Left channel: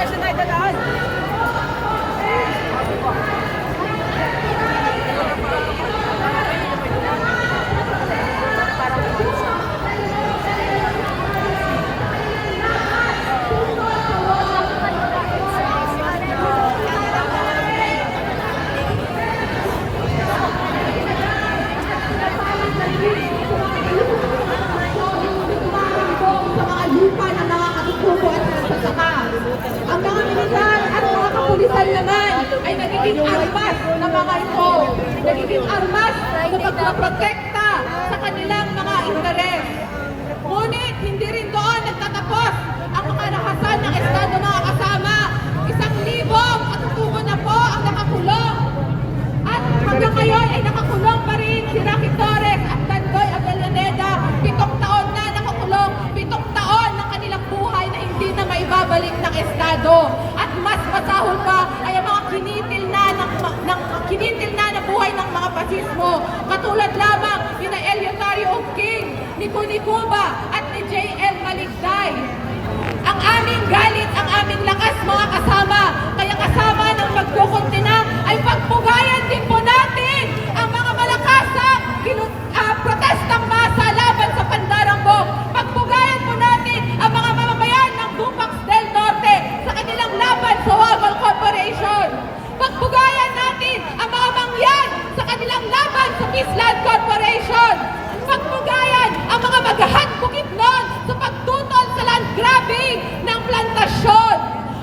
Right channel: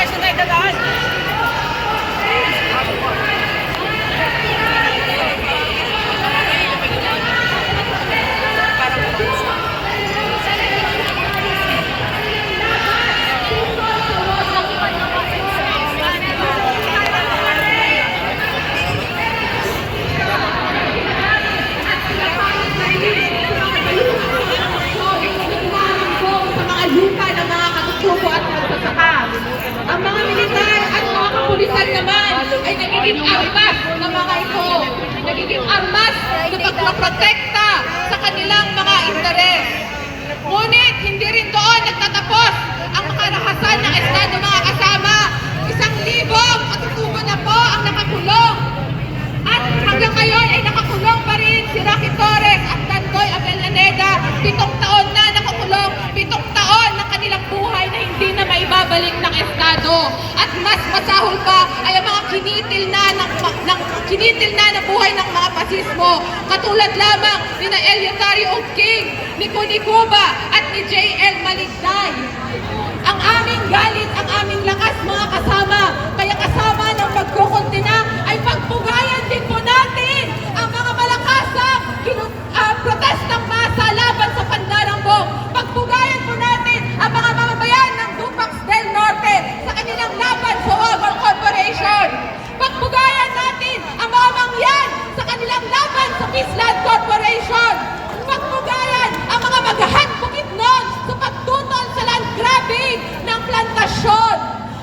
session ay dadaan. Nagiging armas na pagpaprotekta sa kanilang mga interes. Ngunit hindi rin doon nagtatapos ang makarahasan ng Estado, mga kasama. 1,000 katutubo na po ang nakakulong. At hanggang ngayon ay nakakulong pa rin si Rocky Torres at Tandoy Avellaneda. 7 taon na nakakulong, 7 taon ng kanilang buhay na hindi na maibabalik ng Estado. At mas masahol pa ay ang mga kinitil na ng buhay ng mga pasismo. Katulad lamang ni na Eleuterio King, ni Tony Cuba at ni J.L. Maligday. Ang aming galit, ang aming lakas, mga kasama, kaya kasama ng pagkukuntina ay pagpugayan din po natin ang mga malakasang protestang masa laban sa Pandarambong. Pagpugayan po natin ang mga mamamayan ng Dupax del Norte sa kanilang laban sa Wagal Corporation. Pagpugayan natin ang mga mangyan sa kanilang laban sa Peaceland Corporation. Pagpugayan ang mga magahan Bukidnon sa pagtutol sa land grabbing ng plantasyon.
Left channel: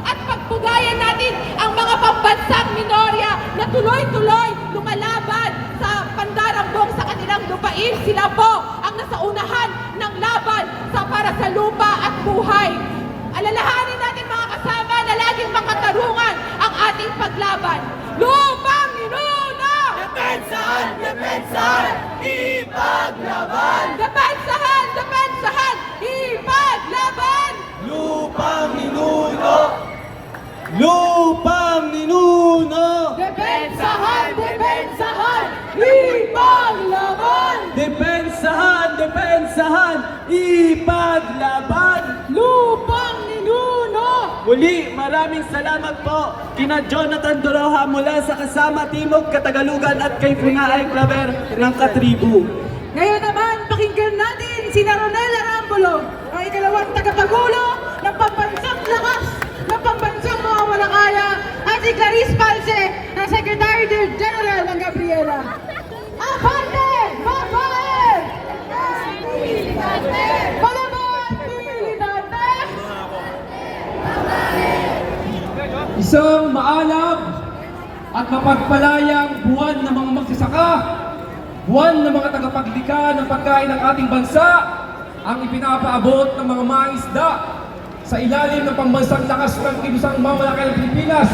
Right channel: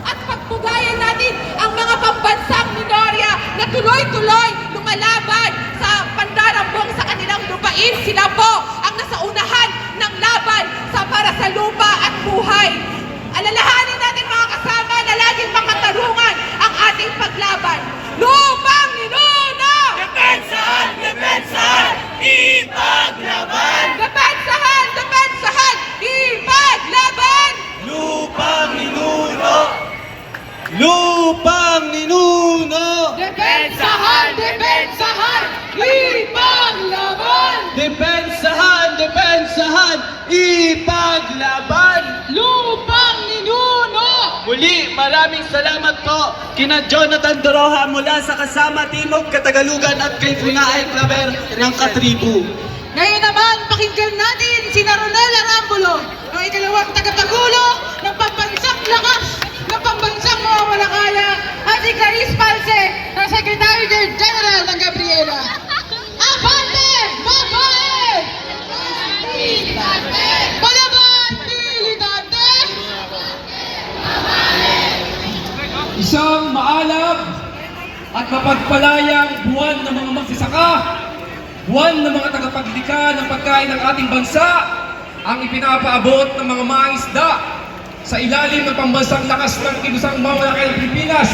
At pagpugayan natin ang mga pambansang minorya na tuloy-tuloy lumalaban sa Pandarambong sa kanilang lupain. Sila po ang nasa unahan ng laban para sa lupa at buhay. Alalahanin natin, mga kasama, na laging makatarungan ang ating paglaban. Lupang ninuno! Depensahan! Depensahan! Ipaglaban! Depensahan! Depensahan! Ipaglaban! Lupang ninuno! Lupang ninuno! Depensahan! Depensahan! Ipaglaban! Depensahan! Depensahan! Ipaglaban! Lupang ninuno! Muli, maraming salamat po kina Jonathan Doroha mula sa Kasama Timog Katagalugan at kay Punaay Claver ng Katribu. Ngayon naman, pakinggan natin si Ronel Arambulo, ang ikalawang tagapagulo ng pambansang lakas ng pambansang mawawalakaya, at si Clarice Palce, ng Secretary General ng Gabriela. Abante! Babae! Palaban! Militante! Isang maalab at mapagpalayang buwan ng mga magsasaka, buwan ng mga tagapaglikha ng pagkain ng ating bansa, ang ipinapaabot ng mga mangingisda sa ilalim ng pambansang lakas ng Kibusang Mamalakay ng Pilipinas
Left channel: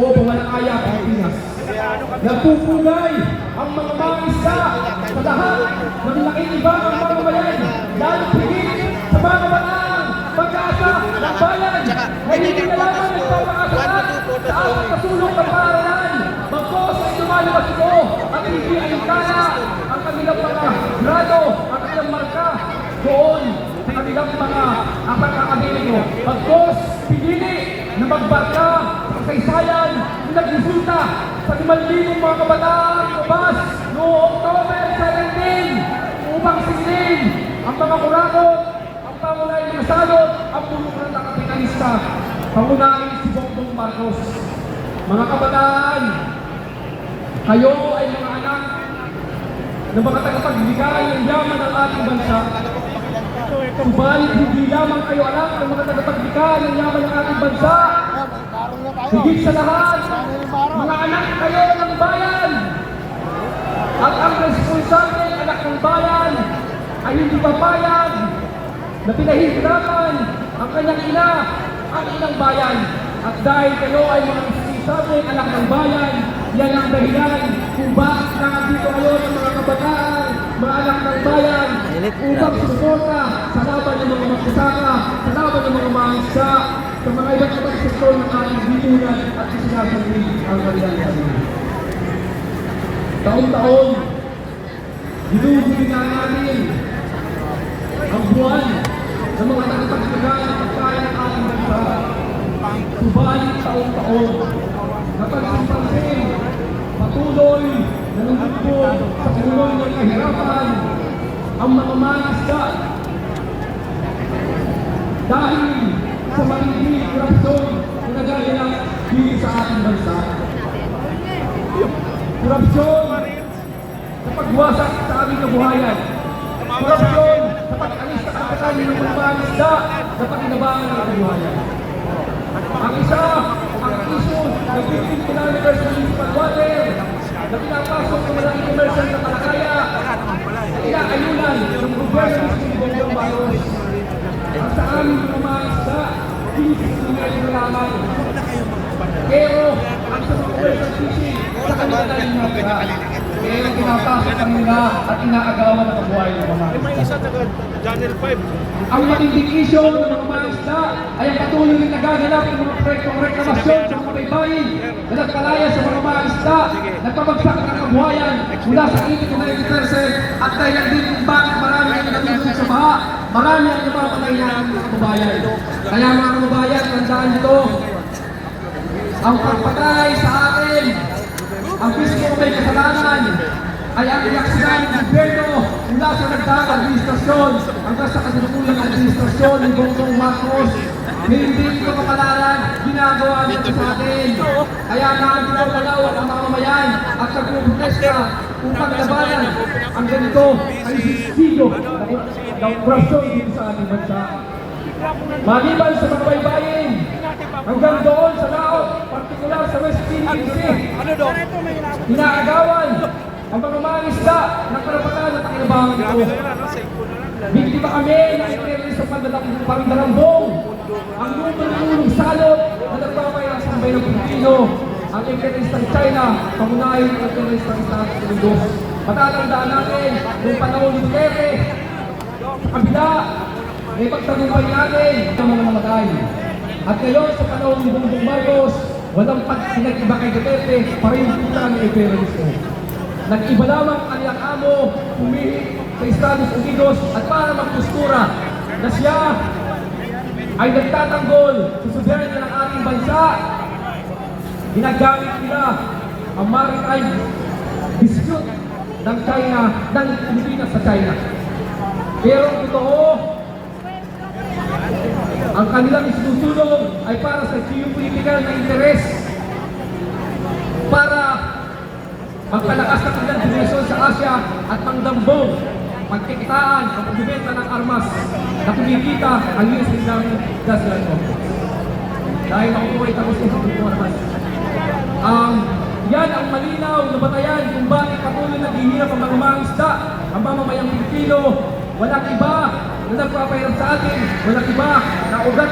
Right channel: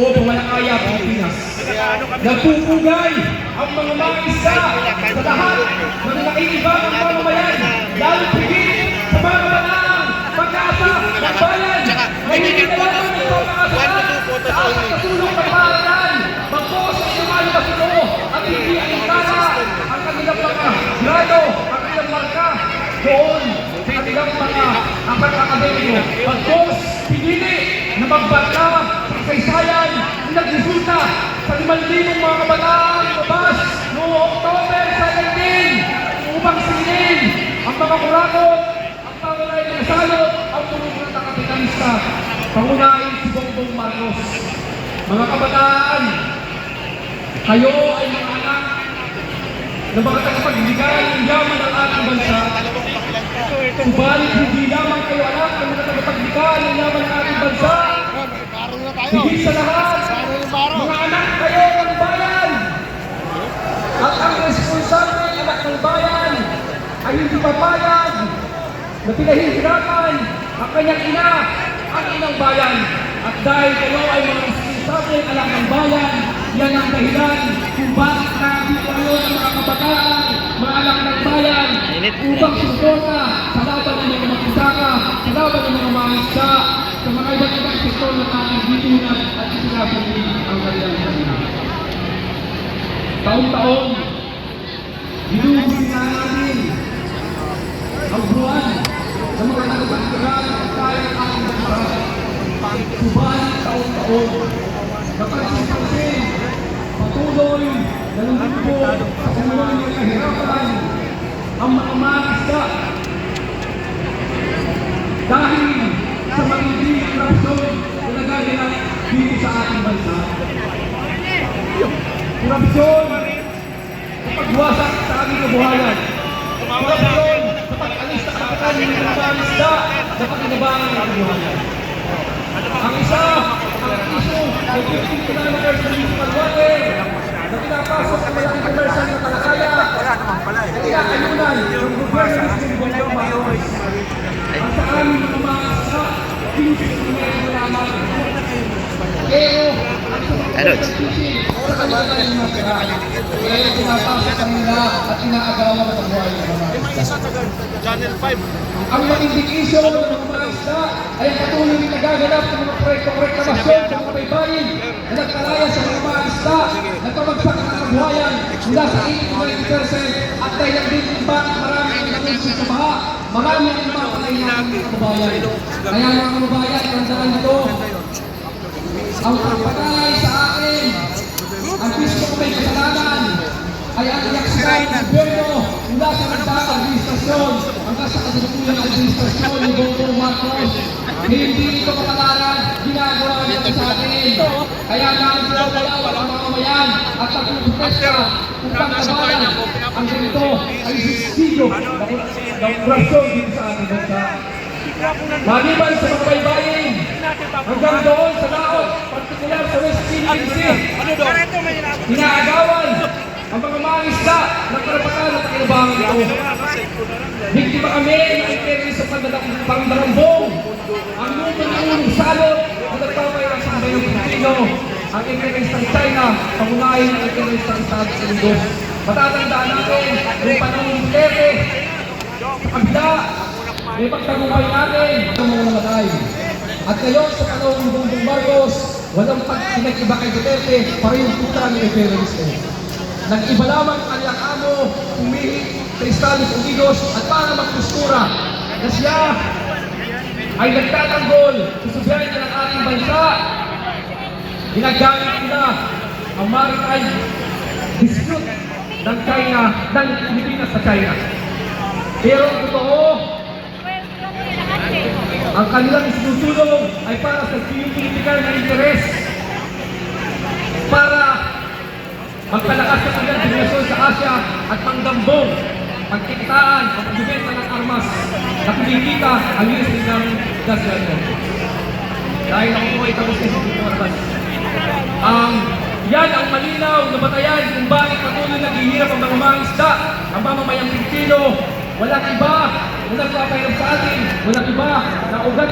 o Pamalakaya Pilipinas. Nagpupugay ang mga mangingisda sa lahat ng nakikibang mamamayan, lalo higit sa mga kabataan, pagkasunod ng bayan, may hindi na lamang ipapakasunod sa ating kasulong kaparanan, bagkos ay lumalabas ito at hindi ay kaya ang kanilang mga grado, ang kanilang marka doon sa kanilang mga akademiko. Bagkos, pinili na magbarka sa kasaysayan na nagresulta sa 5,000 mga kabataan labas noong October 17 upang silin ang mga kurakot, ang mga inisalot, ang tulungan ng kapitalista. Pangunahin si Bongbong Marcos. Mga kabataan, kayo ay mga anak na mga tagapagbigay ng yaman ng ating bansa. Subalit hindi lamang kayo anak ng mga tagapagbigay ng yaman ng ating bansa. Higit sa lahat, mga anak kayo ng bayan. At ang responsable ng anak ng bayan ay hindi papayag na pinahihirapan ang kanyang ina, ang inang bayan. At dahil kayo ay mga responsable ng anak ng bayan, yan ang dahilan kung bakit nakapito kayo ng mga kabataan, mga anak ng bayan, upang susuka sa laban ng mga magsasaka, sa laban ng mga mangisda, sa mga iba't ibang sektor ng ating bitunan at isinapili ang kanilang. Taon-taon, ginugusin na natin ang buwan ng mga kapagpagaan at kaya ng ating bansa. subalit taon-taon, napansin-pansin, patuloy na lumubog sa kanilang ng kahirapan ang mga mangisda dahil sa matinding korupsyon na nagaganap dito sa ating bansa. Korupsyon sa pagwasak sa aming kabuhayan. Korupsyon sa pag-alis na karapatan ng mga mangisda na pakinabangan ng kabuhayan. Ang isa, ang issue ng 15th anniversary municipal water na pinapasok ang ilang anniversary na talakaya kinakayunan ng gobyerno ng Bongbong Marcos. Ang sa aming mga mangisda, pinisip ng mga kailangan. Pero, ang sa mga sa kanilang mga pero pinapasok ang nila at inaagawan ng kabuhayan ng mga mangisda. Ang matinding issue ng mga mangisda ay ang patuloy na nagaganap ng mga proyektong reklamasyon sa mga baybayin na nagpalaya sa mga mangisda, nagpabagsak ng kabuhayan mula sa 80% at dahil din kung bakit marami ang naminsin sa baha, marami ang napapalay na ng mga kabuhayan. Kaya mga kabuhayan, tandaan nito, ang pagpatay sa akin, ang piso may kasalanan, ay ang reaksyon ng gobyerno mula sa nagdaang administrasyon hanggang sa kasalukuyang administrasyon ni Bongbong Marcos. Hindi ito kapalaran, ginagawa nito sa akin. Kaya naagsaw malawak ang mga mamayan at nagpuprotesta upang labanan ang ganito ay sistiyo ng korupsyon dito sa ating bansa. Maliban sa mga baybayin, hanggang doon sa laot, partikular sa West Philippine Sea, inaagawan ang mga mangisda ng karapatan at pakinabangan ito. Biktima kami ng interes sa pandarambong, ang lutong-ulong salot ang nagkakay ng Sambayo Pilipino, ang interes ng China, pangungahin ang interes ng Estados Unidos. Matatandaan natin, yung panahon ng Duterte, kabila, may pagtagumpay natin ang mga namatay. At ngayon sa panahon ng Bongbong Marcos, walang pag-pinag-iba kay Duterte, parehong ni Evangelista. Nag-iba lamang ang kanyang amo, pumili sa Estados Unidos at para magpostura na siya ay nagtatanggol sa soberanya ng ating bansa. Ginagamit nila ang maritime dispute ng China, ng Pilipinas sa China. Pero ang totoo, ang kanilang sinusulong ay para sa Pilipinal na interes, para magpalakas ng kanilang relasyon sa Asia at pangdambong pagkikitaan ang pagbibenta ng armas na kumikita ang US ng gas natin. Dahil nakukuha ito sa Pilipinas. Yan ang malinaw na batayan kung bakit patuloy naghihirap ang mga mangisda, ang mamamayang Pilipino. Walang iba na nagpapahirap sa atin, walang iba na ugat